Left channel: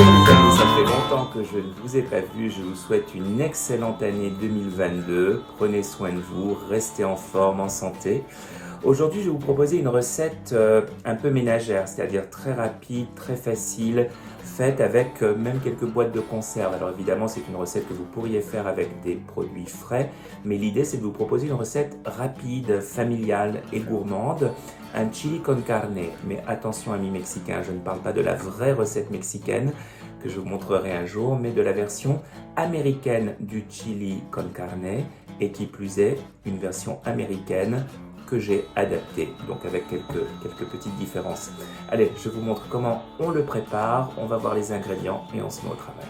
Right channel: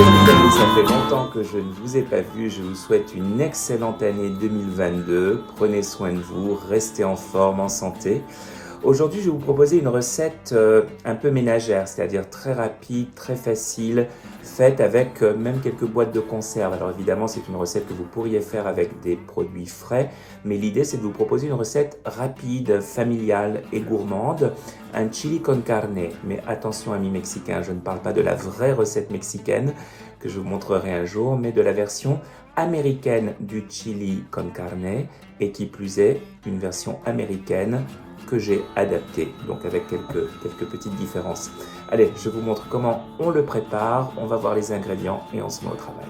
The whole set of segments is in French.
les amis, ça fait longtemps que je ne vous ai pas vu. Je vous souhaite une excellente année 2022. Prenez soin de vous, restez en forme, en santé. Aujourd'hui, je vais vous proposer une recette un peu ménagère, c'est-à-dire très rapide, très facile, faite avec même quelques boîtes de conserve. Alors évidemment, c'est une recette que vous pourriez faire avec des produits frais, mais l'idée c'est de vous proposer une recette rapide, familiale et gourmande, un chili con carne. Mais attention amis mexicains, je ne parle pas de la vraie recette mexicaine que je vous montrerai un jour, mais de la version américaine du chili con carne, et qui plus est, une version américaine que j'ai adapté, donc avec quelques petites différences. Allez, je vous montre comment on le prépare, on va voir les ingrédients et on se met au travail.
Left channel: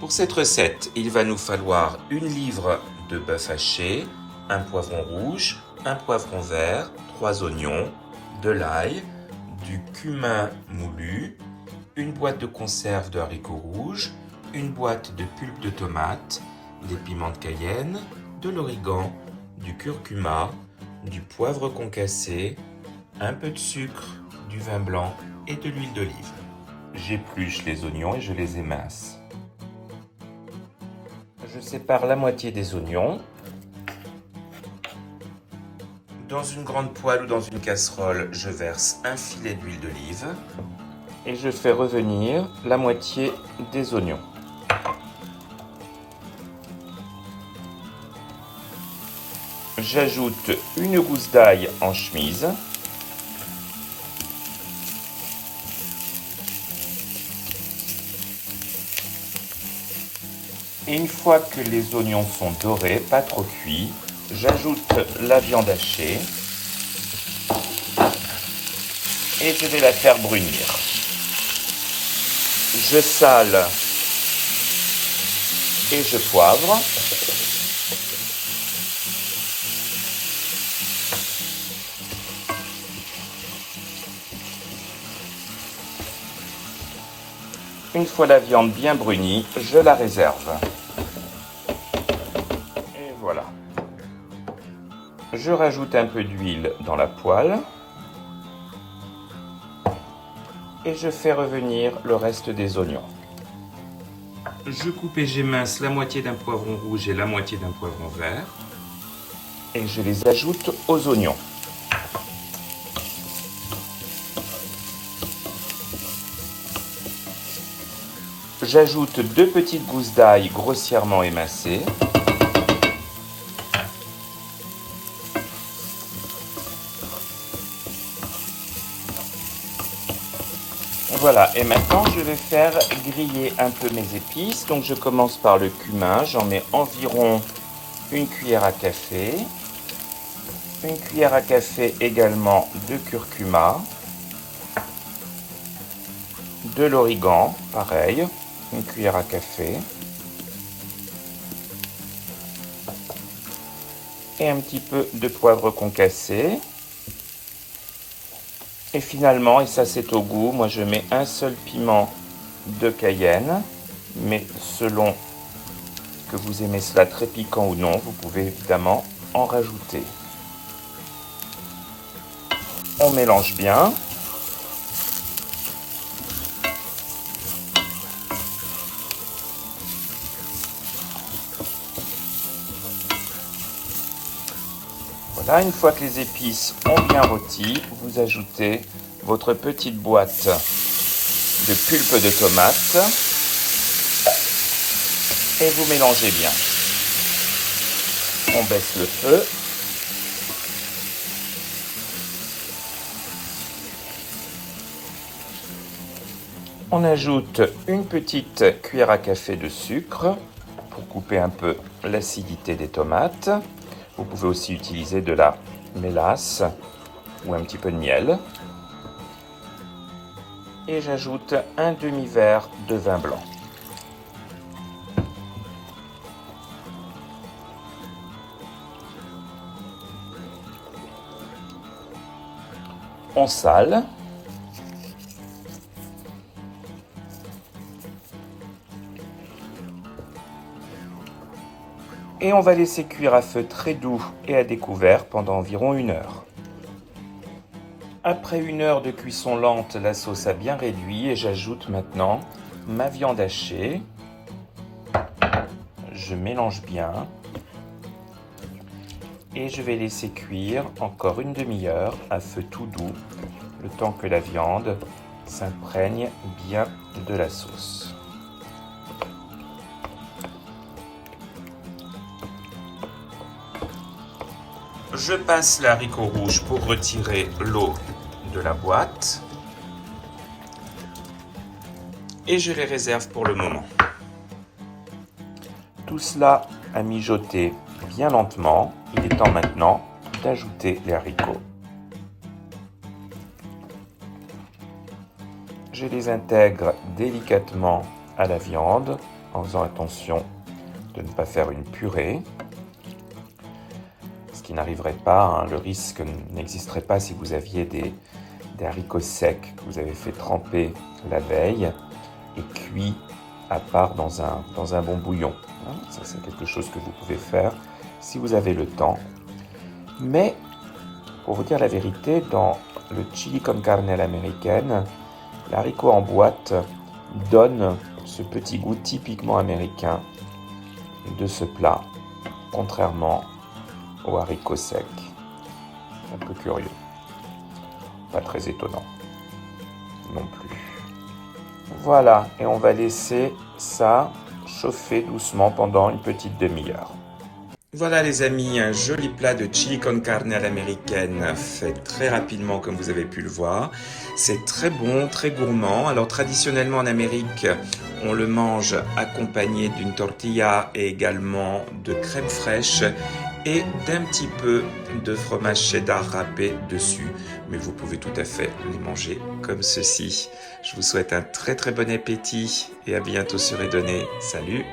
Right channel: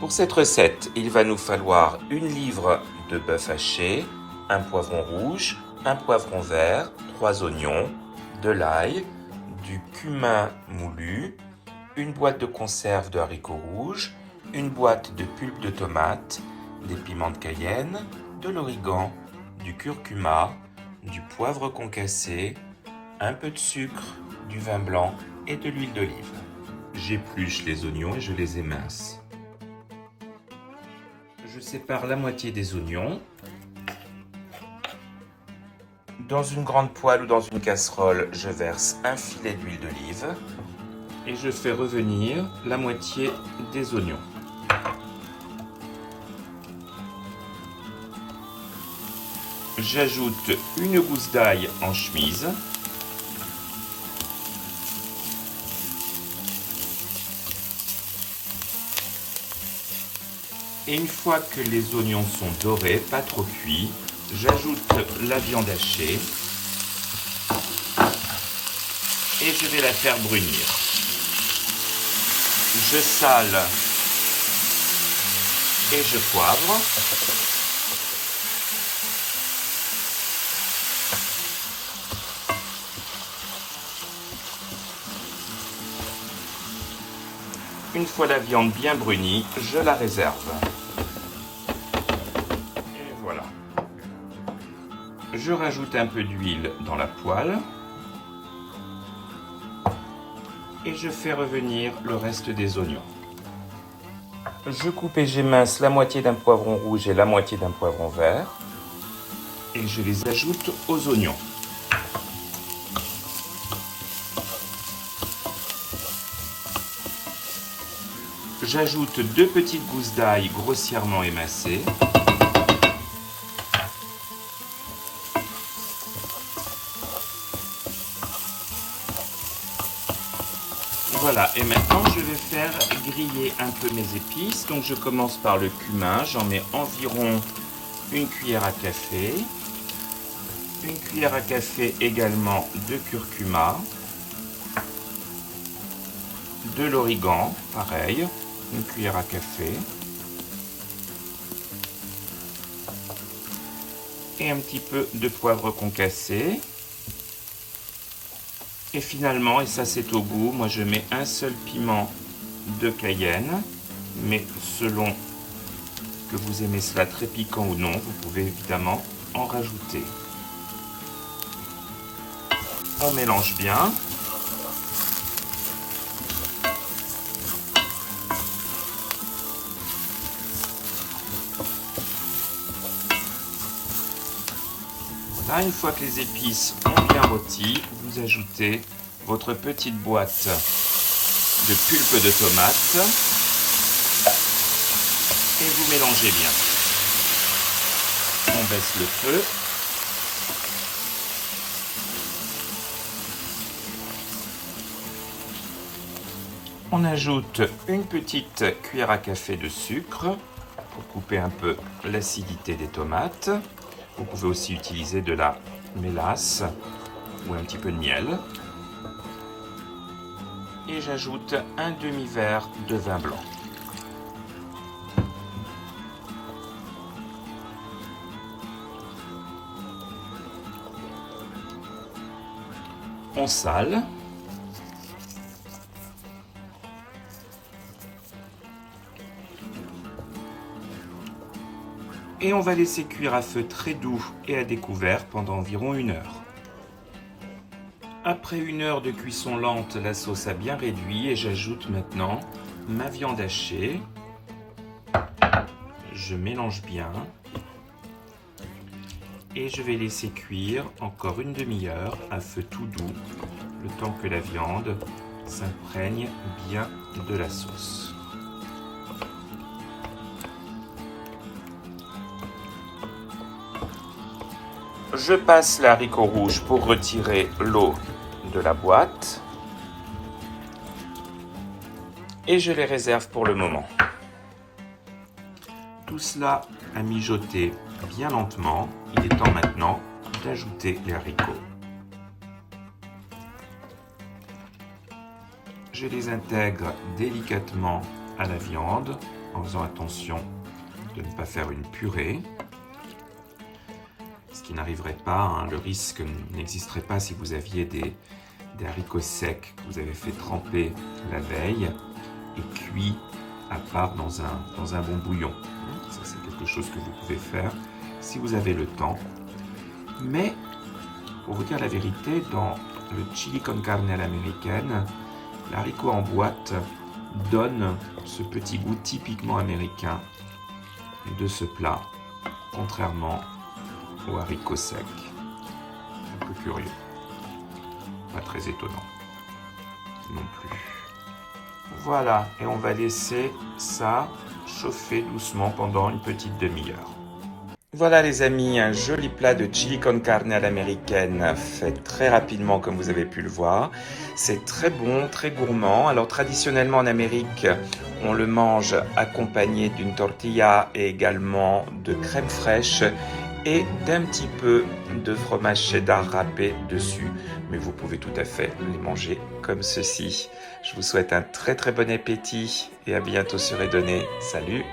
Pour cette recette, il va nous falloir une livre de bœuf haché, un poivron rouge, un poivron vert, 3 oignons, de l'ail, du cumin moulu, une boîte de conserve de haricots rouges, une boîte de pulpe de tomate, des piments de Cayenne, de l'origan, du curcuma, du poivre concassé, un peu de sucre, du vin blanc et de l'huile d'olive. J'épluche les oignons et je les émince. Je sépare la moitié des oignons. Dans une grande poêle ou dans une casserole, je verse un filet d'huile d'olive et je fais revenir la moitié des oignons. J'ajoute une gousse d'ail en chemise. Et une fois que les oignons sont dorés, pas trop cuits, j'ajoute la viande hachée et je vais la faire brunir. Je sale et je poivre. Une fois la viande bien brunie, je la réserve. Et voilà. Je rajoute un peu d'huile dans la poêle. Et je fais revenir le reste des oignons. Je coupe et j'émince la moitié d'un poivron rouge et la moitié d'un poivron vert. Et je les ajoute aux oignons. J'ajoute 2 petites gousses d'ail grossièrement émincées. Voilà, et maintenant je vais faire griller un peu mes épices. Donc je commence par le cumin, j'en mets environ une cuillère à café. Une cuillère à café également de curcuma. De l'origan, pareil. Une cuillère à café et un petit peu de poivre concassé. Et finalement, et ça c'est au goût, moi je mets un seul piment de Cayenne, mais selon que vous aimez cela très piquant ou non, vous pouvez évidemment en rajouter. On mélange bien. Là, une fois que les épices ont bien rôti, vous ajoutez votre petite boîte de pulpe de tomate et vous mélangez bien. On baisse le feu. On ajoute une petite cuillère à café de sucre pour couper un peu l'acidité des tomates. Vous pouvez aussi utiliser de la mélasse ou un petit peu de miel. Et j'ajoute un demi-verre de vin blanc. On sale. Et on va laisser cuire à feu très doux et à découvert pendant environ 1 heure. Après 1 heure de cuisson lente, la sauce a bien réduit et j'ajoute maintenant ma viande hachée. Je mélange bien. Et je vais laisser cuire encore une demi-heure à feu tout doux, le temps que la viande s'imprègne bien de la sauce. Je passe le haricot rouge pour retirer l'eau de la boîte et je les réserve pour le moment. Tout cela a mijoté bien lentement. Il est temps maintenant d'ajouter les haricots. Je les intègre délicatement à la viande en faisant attention de ne pas faire une purée. Ce qui n'arriverait pas, hein, le risque n'existerait pas si vous aviez des haricots secs que vous avez fait tremper la veille et cuits à part dans un bon bouillon. Ça, c'est quelque chose que vous pouvez faire si vous avez le temps. Mais, pour vous dire la vérité, dans le chili con carne à l'américaine, l'haricot en boîte donne ce petit goût typiquement américain de ce plat, contrairement aux haricots secs. Un peu curieux. Pas très étonnant non plus. Voilà, et on va laisser ça chauffer doucement pendant une petite demi-heure. Voilà les amis, un joli plat de chili con carne à l'américaine, fait très rapidement comme vous avez pu le voir. C'est très bon, très gourmand. Alors traditionnellement en Amérique, on le mange accompagné d'une tortilla et également de crème fraîche et d'un petit peu de fromage cheddar râpé dessus. Mais vous pouvez tout à fait les manger comme ceci. Je vous souhaite un très très bon appétit et à bientôt sur Edonné. Salut!